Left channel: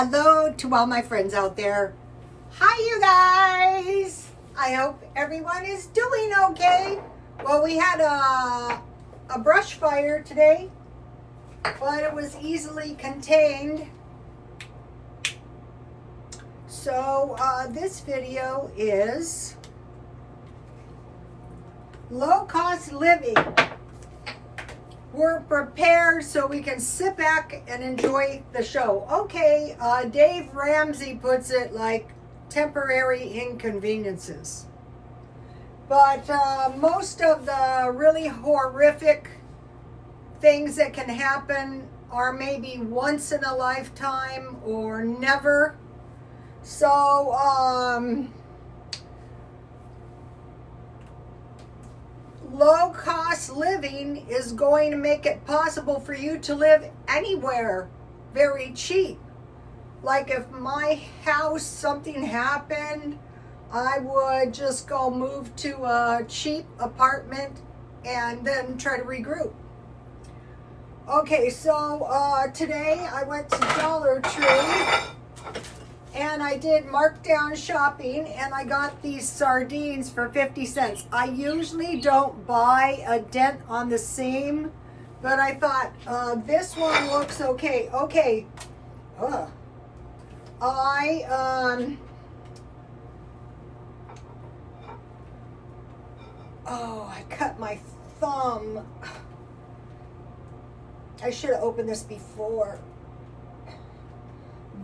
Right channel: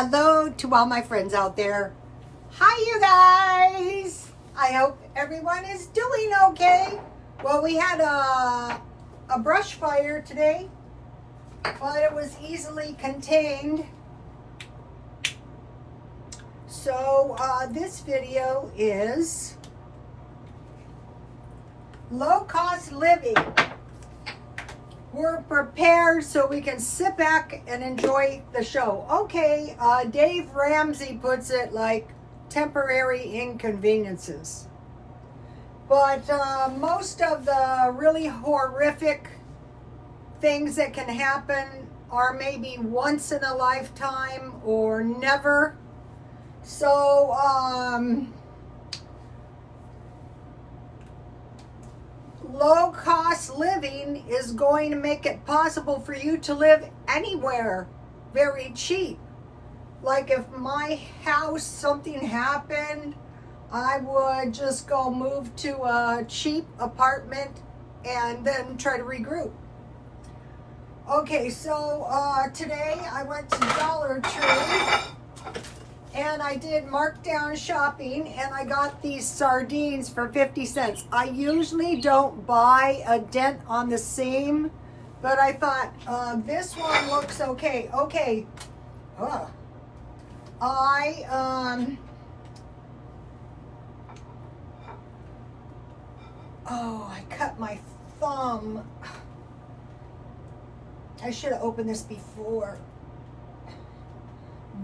Hello to all my friends out there. Hi, you guys. I hope everyone is doing okay. Well, we had a brush fire today, but it was easily contained. So this video is low-cost living. We're prepared so we can sit back and enjoy the show. Okay, Dave Ramsey puts it like temporary inconveniences. But most of the really horrific things that can happen are maybe once in a lifetime or never. So, low-cost living is going to make it possible for you to live anywhere very cheap. Like if my house, something happened, I would just go move to a cheap apartment and then try to regroup. Okay, so today I went to Dollar Tree and I did markdown shopping, and I got these sardines for 50 cents. I usually don't buy a dent on the seam, but I thought this one looks okay. Okay. I cut my thumb. I should have opened this before.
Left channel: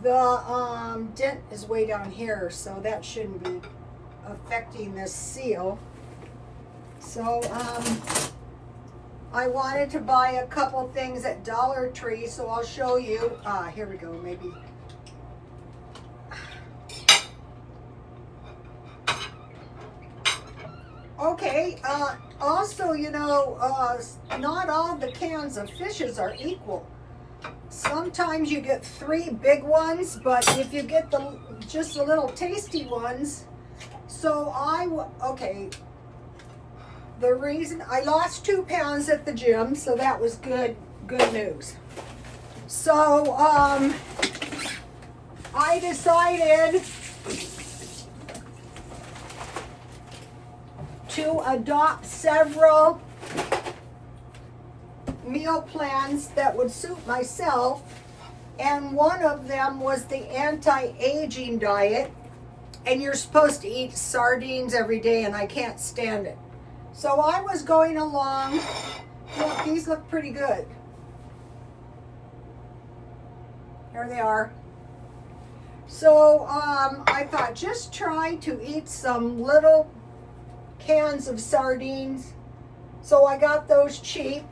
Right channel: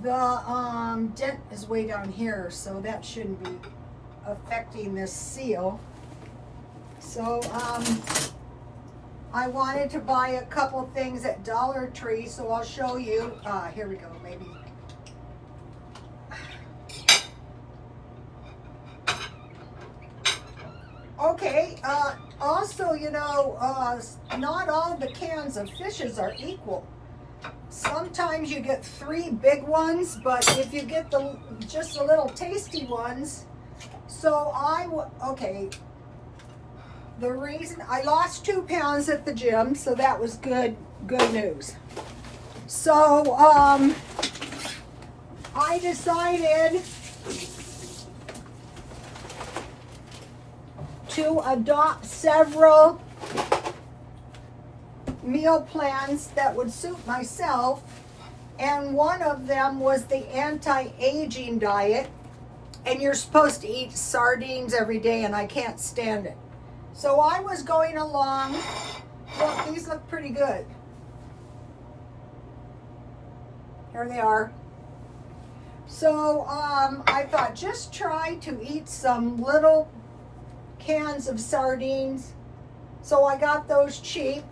The dent is way down here, so that shouldn't be affecting this seal. So I wanted to buy a couple things at Dollar Tree, so I'll show you. Here we go, maybe. Okay, also, you know, not all the cans of fishes are equal. Sometimes you get 3 big ones, but if you get just the little tasty ones. So the reason I lost 2 pounds at the gym, so that was good news. So I decided to adopt several meal plans that would suit myself, and one of them was the anti-aging diet, and you're supposed to eat sardines every day, and I can't stand it. So I was going along. Look, these look pretty good. There they are. So I thought, just try to eat some little cans of sardines. So I got those cheap.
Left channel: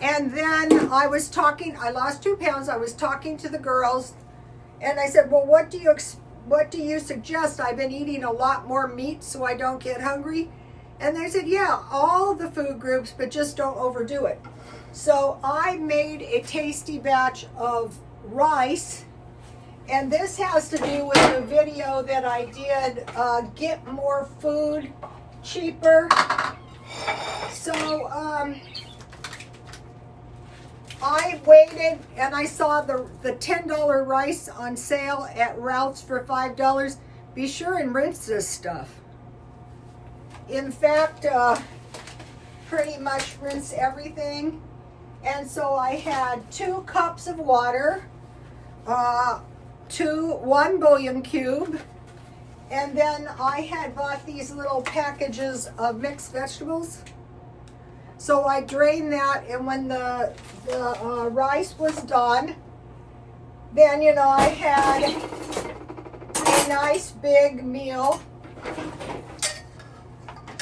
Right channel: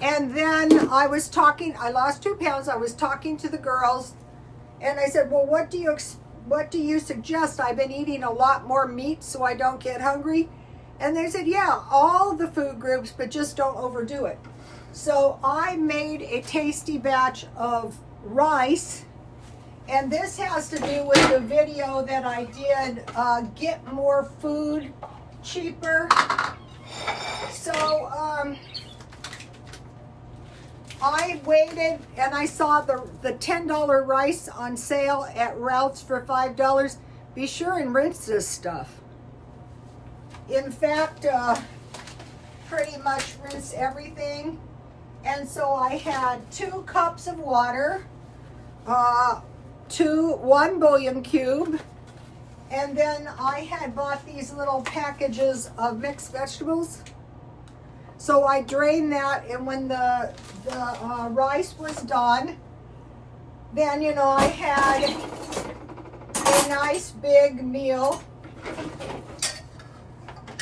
And then I lost 2 pounds. I was talking to the girls, and I said, well, what do you suggest? I've been eating a lot more meat so I don't get hungry. And they said, yeah, all the food groups, but just don't overdo it. So I made a tasty batch of rice, and this has to do with the video that I did, get more food cheaper. So I waited, and I saw the $10 rice on sale at Ralph's for $5. Be sure and rinse this stuff. In fact, pretty much rinse everything. And so I had 2 cups of water, 1 bouillon cube, and then I had bought these little packages of mixed vegetables. So I drained that, and when the rice was done, then, you know, I had a nice big meal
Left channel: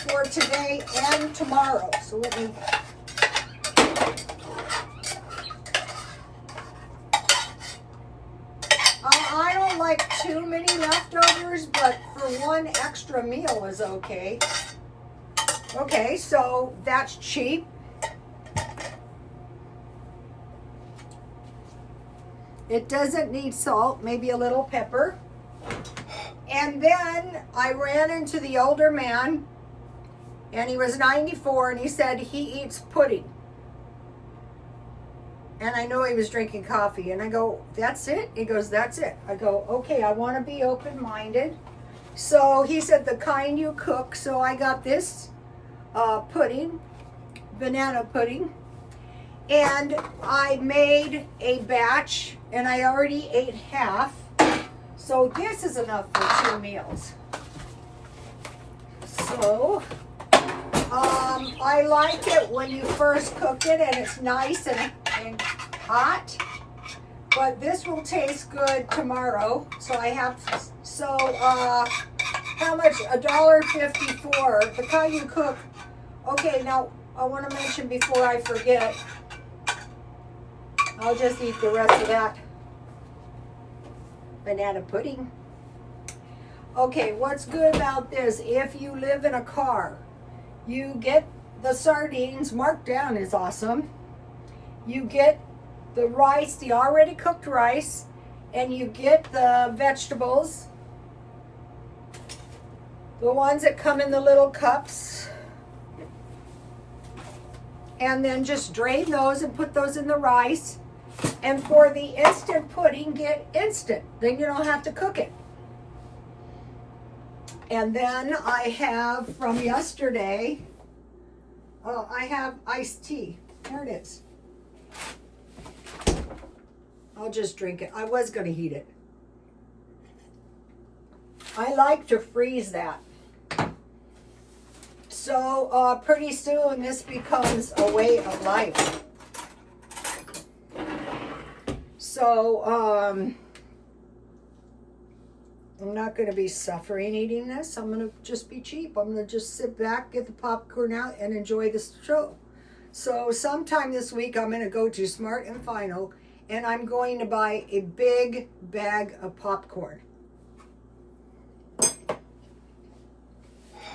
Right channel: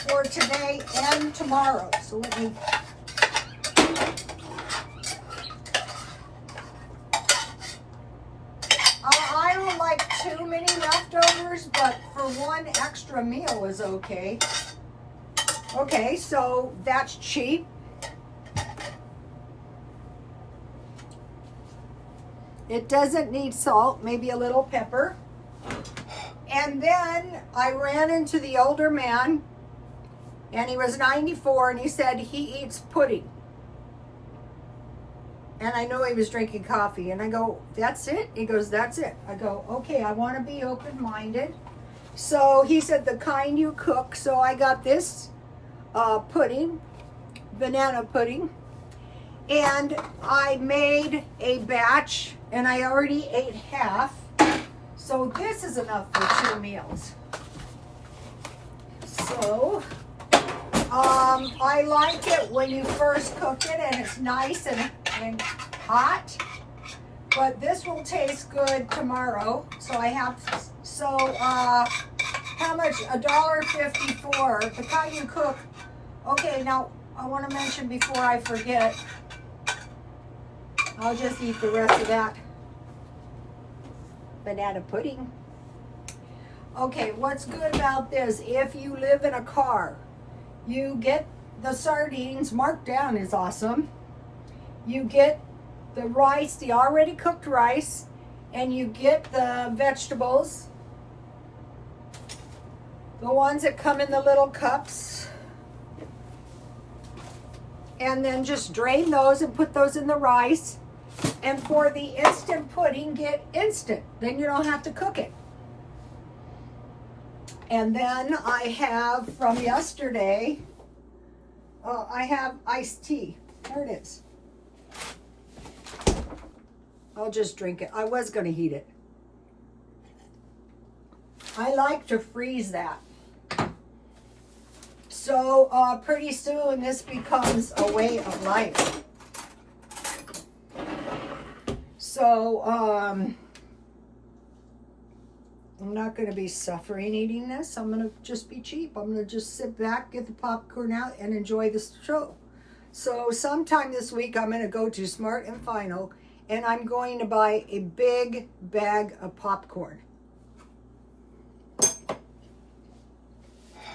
for today and tomorrow. So let me... I don't like too many leftovers, but for 1 extra meal is okay. Okay, so that's cheap. It doesn't need salt, maybe a little pepper. And then I ran into the older man, and he was 94, and he said he eats pudding. And I know he was drinking coffee. And I go, that's it? He goes, that's it. I go, okay, I want to be open-minded. So he said, the kind you cook. So I got this pudding, banana pudding. And I made a batch, and I already ate half. So this is enough for 2 meals. So, I like it when you first cook it and it's nice and hot. But this will taste good tomorrow. So I have, how much? $1.54. The kind you cook. Okay, now I want to mention before I forget, I'll just eat the rest of that banana pudding. Okay, what's good about this? If you live in a car, you get the sardines. Markdown is awesome. You get the rice, the already cooked rice, and you get the vegetables, the ones that come in the little cups. And then just drain those and put those in the rice. And for the instant pudding, get instant. Then you don't have to cook it. And then I have from yesterday, I have iced tea. There it is. I'll just drink it. I was going to heat it. I like to freeze that. So pretty soon this becomes a way of life. So I'm not going to be suffering eating this. I'm going to just be cheap. I'm going to just sit back, get the popcorn out, and enjoy the show. So sometime this week I'm going to go to Smart and Final, and I'm going to buy a big bag of popcorn. All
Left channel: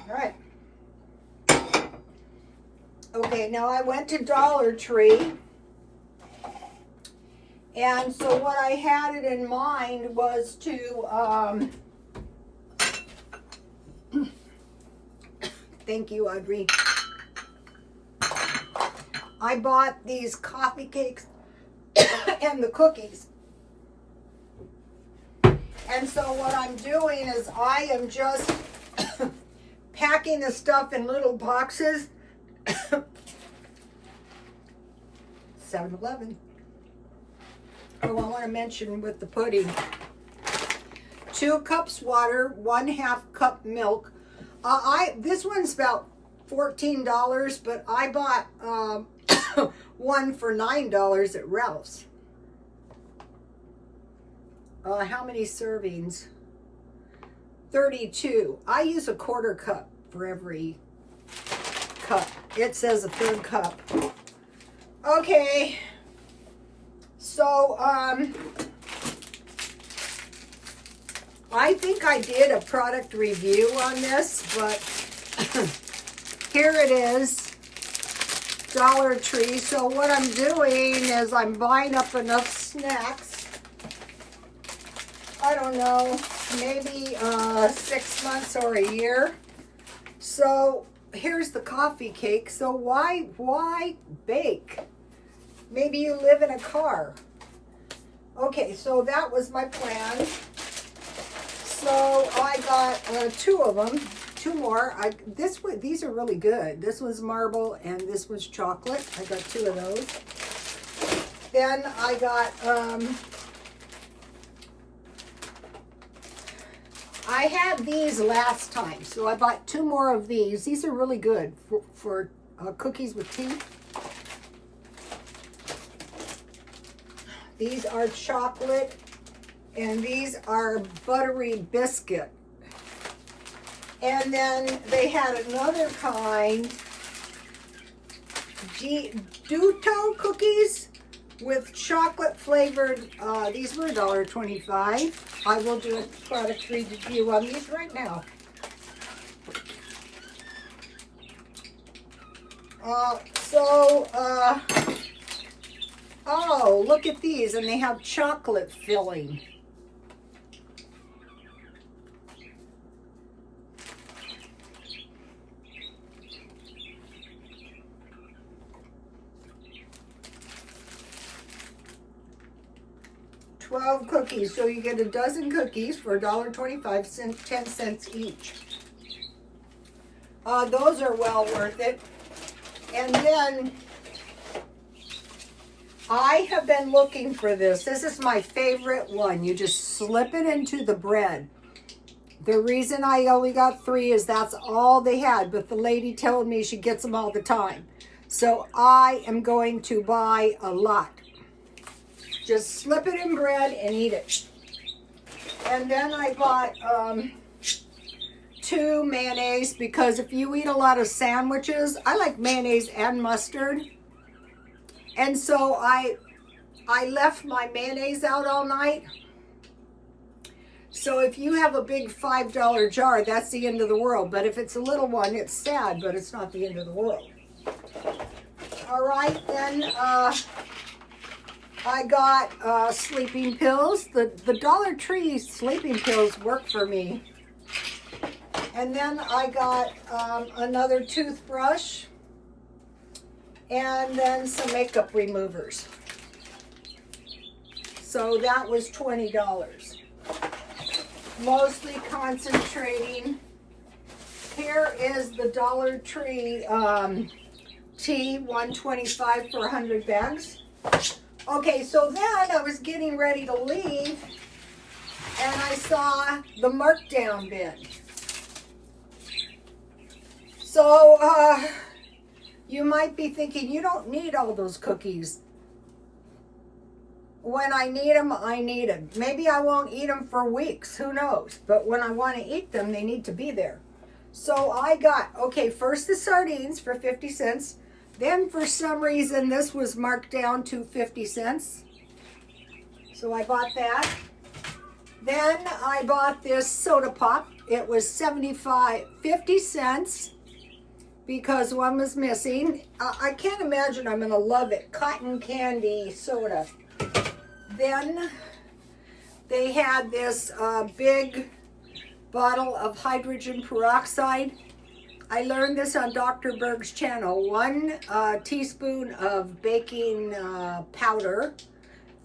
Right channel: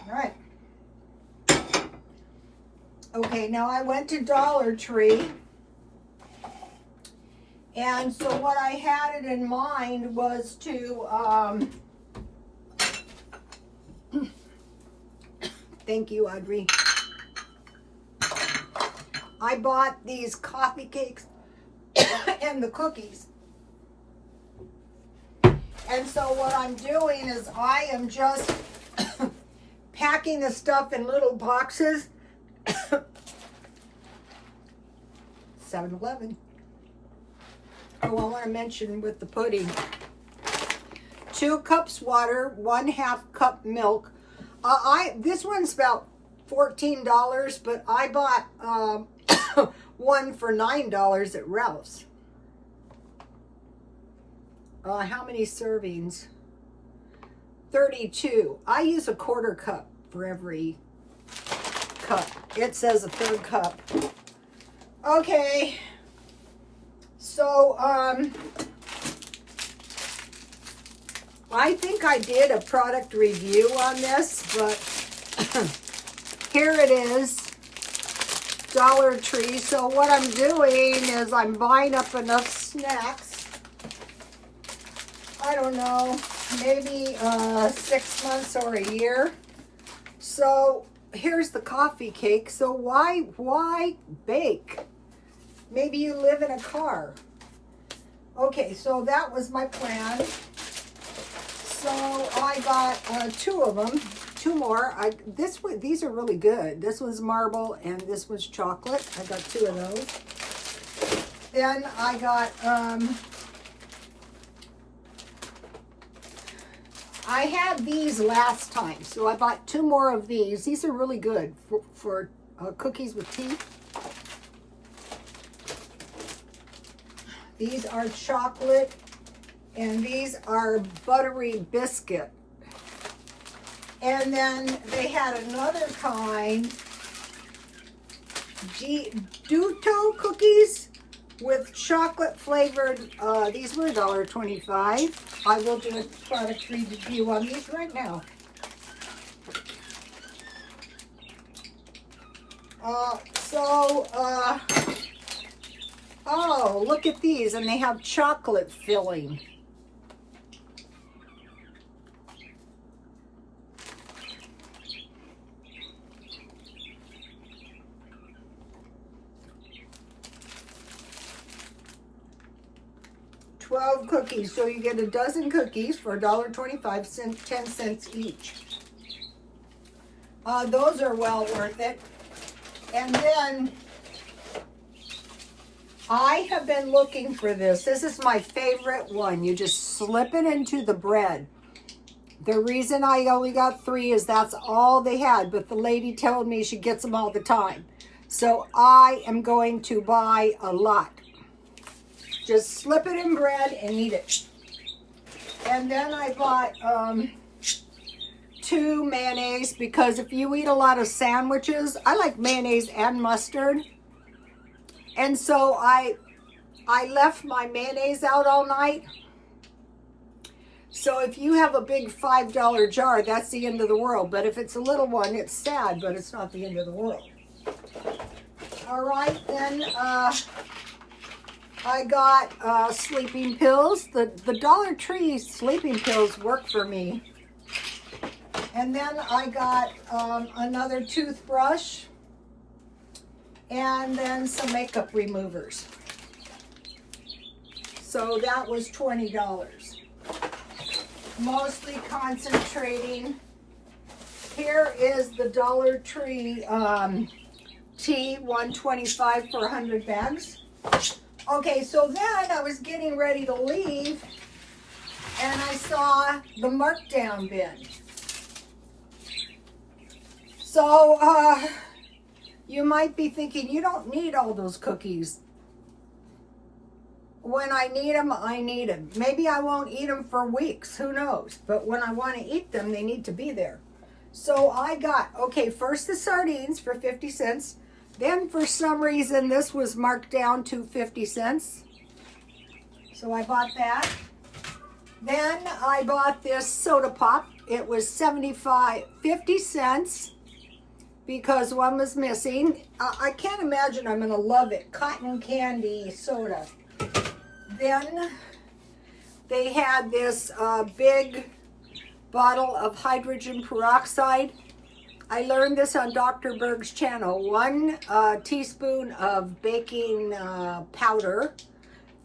right. Okay, now I went to Dollar Tree. And so what I had it in mind was to, thank you, Audrey. I bought these coffee cakes and the cookies. And so what I'm doing is I am just packing the stuff in little boxes. 7-Eleven. Oh, I want to mention with the pudding, 2 cups water, 1/2 cup milk. This one's about $14, but I bought one for $9 at Ralph's. How many servings? 32. I use a 1/4 cup for every cup. It says a 1/3 cup. Okay. So, I think I did a product review on this, but here it is, Dollar Tree. So what I'm doing is I'm buying up enough snacks. I don't know, maybe 6 months or a year. So here's the coffee cake. So why bake? Maybe you live in a car. Okay, so that was my plan. So I got 2 of them, 2 more. These are really good. This one's marble and this one's chocolate. I got 2 of those. Then I got, I had these last time, so I bought 2 more of these. These are really good for cookies with tea. These are chocolate, and these are buttery biscuit. And then they had another kind, Duto cookies with chocolate flavored. These were $1.25. I will do a product review on these right now. Oh, look at these, and they have chocolate filling. 12 cookies. So you get a dozen cookies for $1.25, 10 cents each. Those are well worth it. And then I have been looking for this. This is my favorite one. You just slip it into the bread. The reason I only got 3 is that's all they had, but the lady told me she gets them all the time. So I am going to buy a lot. Just slip it in bread and eat it. And then I bought 2 mayonnaise, because if you eat a lot of sandwiches, I like mayonnaise and mustard. And so I left my mayonnaise out all night. So if you have a big $5 jar, that's the end of the world. But if it's a little one, it's sad, but it's not the end of the world. All right, then I got sleeping pills. The Dollar Tree sleeping pills work for me. And then I got another toothbrush. And then some makeup removers. So that was $20. Mostly concentrating. Here is the Dollar Tree tea, $1.25 for 100 bags. Okay, so then I was getting ready to leave, and I saw the Markdown bin. So, you might be thinking, you don't need all those cookies. When I need them, I need them. Maybe I won't eat them for weeks, who knows? But when I want to eat them, they need to be there. So I got, okay, first the sardines for 50 cents. Then for some reason, this was marked down to 50 cents. So I bought that. Then I bought this soda pop. It was 50 cents. Because one was missing. I can't imagine I'm gonna love it. Cotton candy soda. Then they had this big bottle of hydrogen peroxide. I learned this on Dr. Berg's channel. 1 teaspoon of baking powder,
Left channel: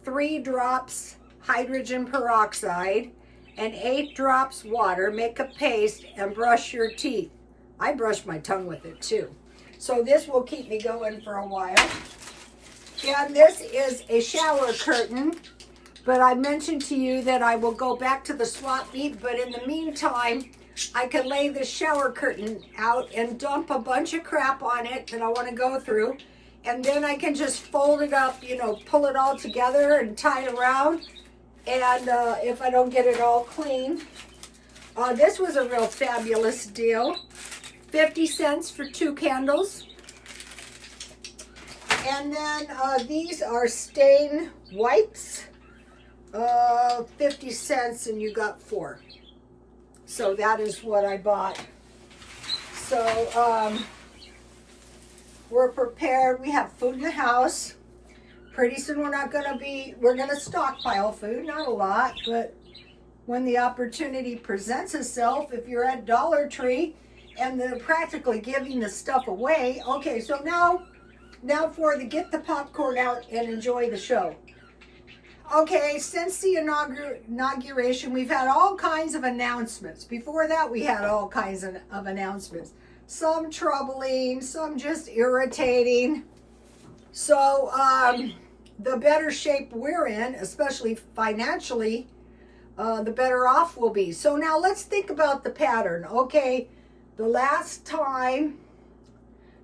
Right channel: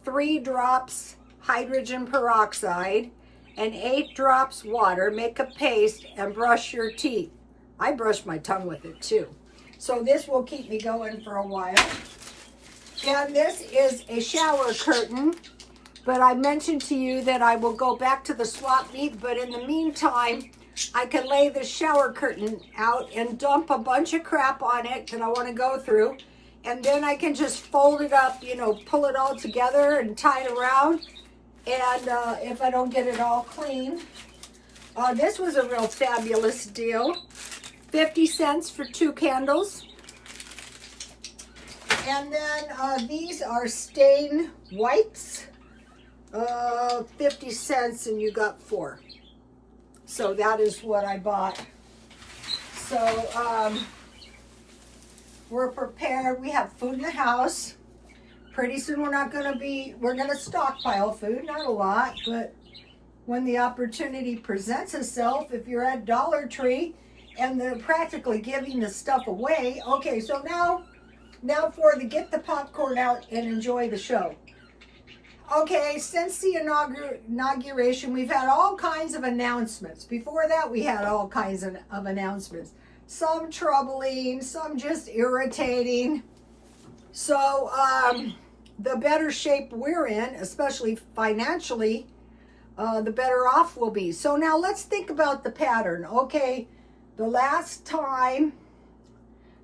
3 drops hydrogen peroxide, and 8 drops water. Make a paste and brush your teeth. I brush my tongue with it too. So this will keep me going for a while. And this is a shower curtain. But I mentioned to you that I will go back to the swap meet. But in the meantime, I can lay the shower curtain out and dump a bunch of crap on it that I want to go through. And then I can just fold it up, you know, pull it all together and tie it around. And if I don't get it all clean. This was a real fabulous deal. 50 cents for 2 candles. And then these are stain wipes. 50 cents and you got 4. So that is what I bought. So we're prepared. We have food in the house. Pretty soon we're gonna stockpile food, not a lot, but when the opportunity presents itself, if you're at Dollar Tree, and they're practically giving the stuff away. Okay, so now for the get the popcorn out and enjoy the show. Okay, since the inauguration, we've had all kinds of announcements. Before that, we had all kinds of announcements. Some troubling, some just irritating. So, the better shape we're in, especially financially, the better off we'll be. So now let's think about the pattern. Okay, the last time,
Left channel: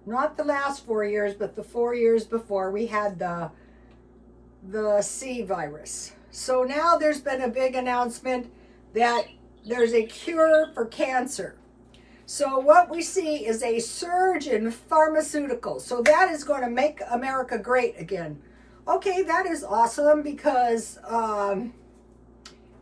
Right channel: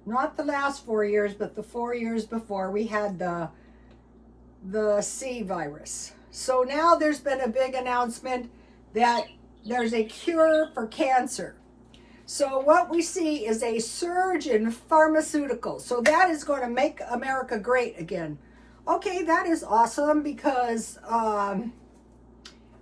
not the last 4 years, but the 4 years before, we had the C virus. So now there's been a big announcement that there's a cure for cancer. So what we see is a surge in pharmaceuticals. So that is going to make America great again. Okay, that is awesome because,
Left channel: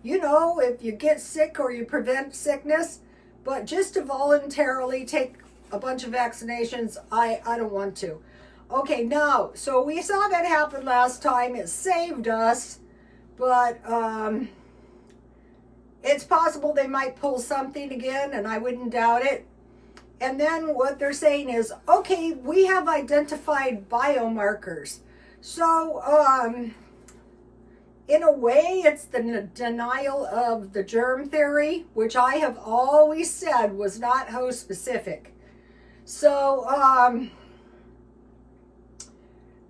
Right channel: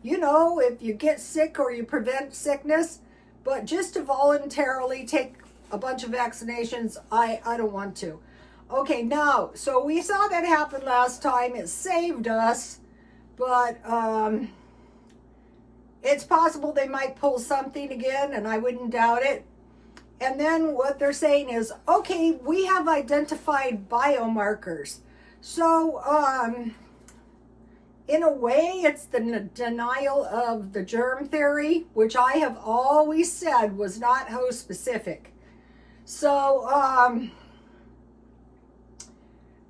you know, if you get sick or you prevent sickness, but just to voluntarily take a bunch of vaccinations, I don't want to. Okay, now, so we saw that happen last time. It saved us, but it's possible they might pull something again, and I wouldn't doubt it. And then what they're saying is, okay, we have identified biomarkers. So in a way, it's the denial of the germ theory, which I have always said was not host specific. So,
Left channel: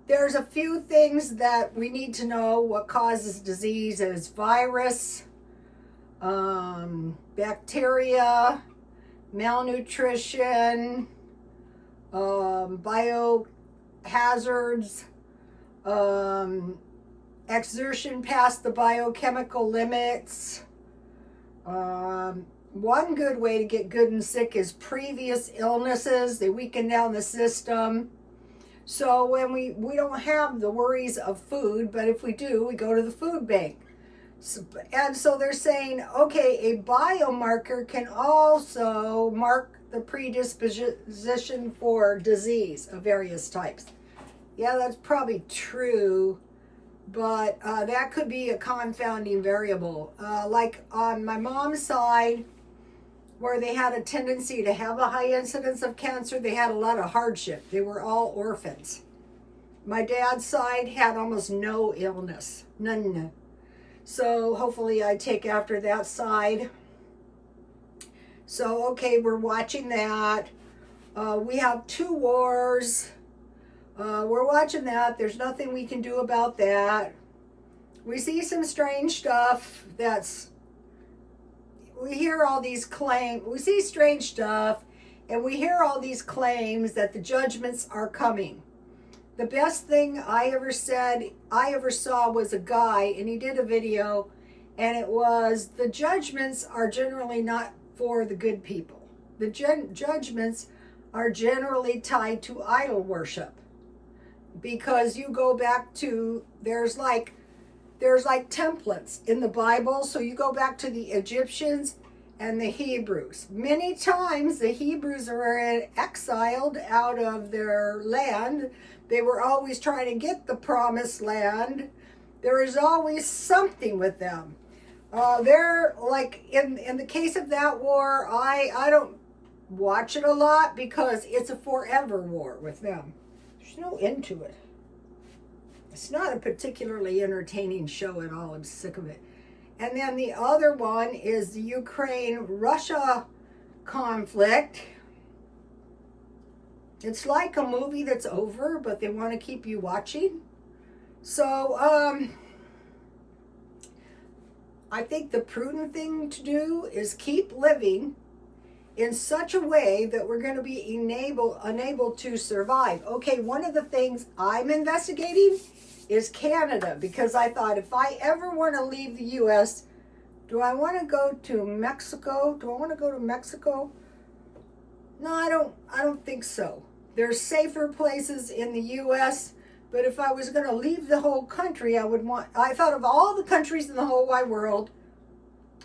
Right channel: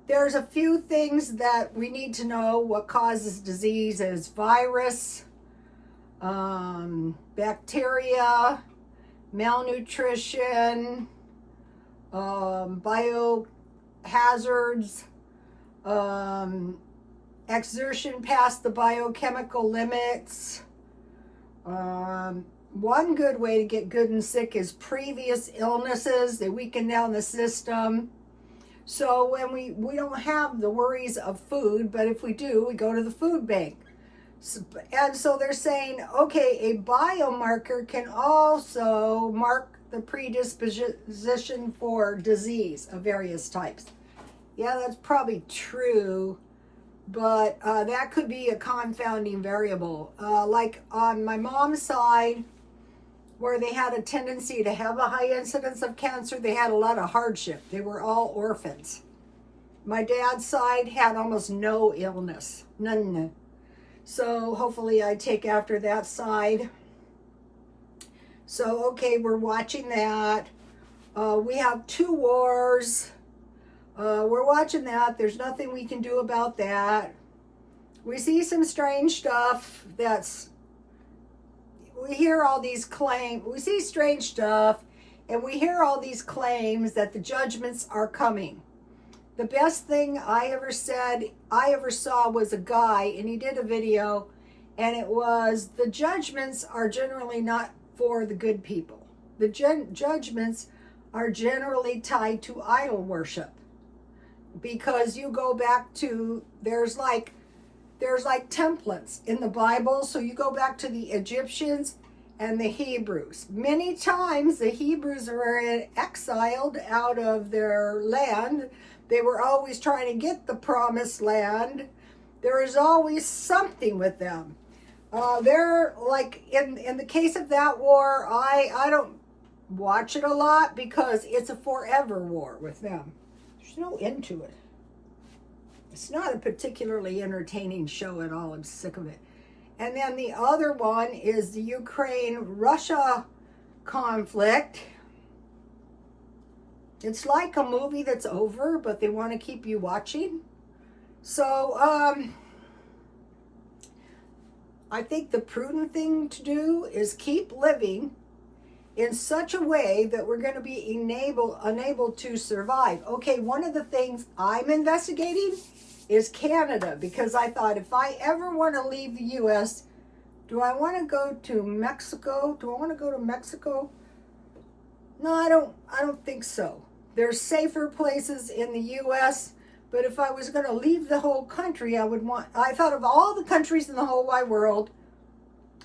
there's a few things that we need to know. What causes disease is virus, bacteria, malnutrition, biohazards, exertion past the biochemical limits. One good way to get good and sick is previous illnesses. They weaken down the system. So when we don't have the worries of food, but if we do, we go to the food bank. And so they're saying, okay, a biomarker can also mark the predisposition for disease of various types. Yeah, that's probably true, but that could be a confounding variable. Like on my mom's side, where they had a tendency to have a high incidence of cancer, they had a lot of hardship. They were all orphans. My dad's side had almost no illness, none. So hopefully I take after that side. So, okay, we're watching that. We have 2 wars. We're watching that. There's nothing we can do about that. We see some strange stuff we hear all these claims. We see strange stuff, and we hear all these claims that the judgments are coming. The best thing I ever saw was a guy, and he did a video, and it was, the judgments are generally not for the good people. The judgments are generally tied to idol worship, because you go back to, there's like templates in the Bible. So you go back to the Egyptians and the Hebrews. Many times the Hebrews were exiled out of their land. They were always trying to get the promised land. There is always something with them. They're like, in the case of that war, I don't watch it a lot because it's a forever war with them. There's no end to it. It's not a particularly entertaining show at all. I'm sick of it. And then the other one is the Ukraine-Russia conflict. It's like a movie that's over, but they want to keep you watching. So, I think the prudent thing to do is keep living in such a way that we're going to be unable to survive. Okay, one of the things I'm investigating is Canada, because I thought, if I ever want to leave the U.S., do I want to go to Mexico? Do I want to go to Mexico? No, I don't think so. There's safer places in the U.S., but if I was going to leave the whole country, I thought of all the countries in the whole wide world,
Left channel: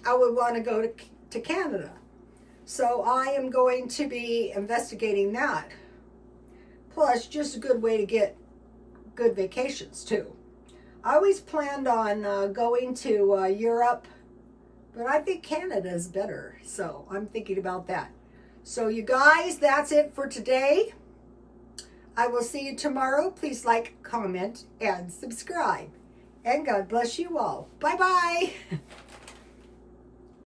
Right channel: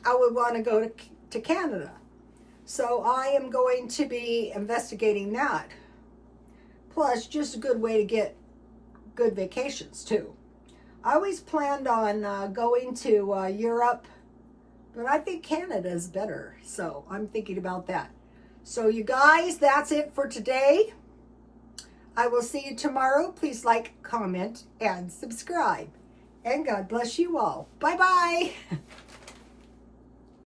I would want to go to Canada. So I am going to be investigating that. Plus, just a good way to get good vacations too. I always planned on going to Europe, but I think Canada is better. So I'm thinking about that. So you guys, that's it for today. I will see you tomorrow. Please like, comment, and subscribe. And God bless you all. Bye-bye.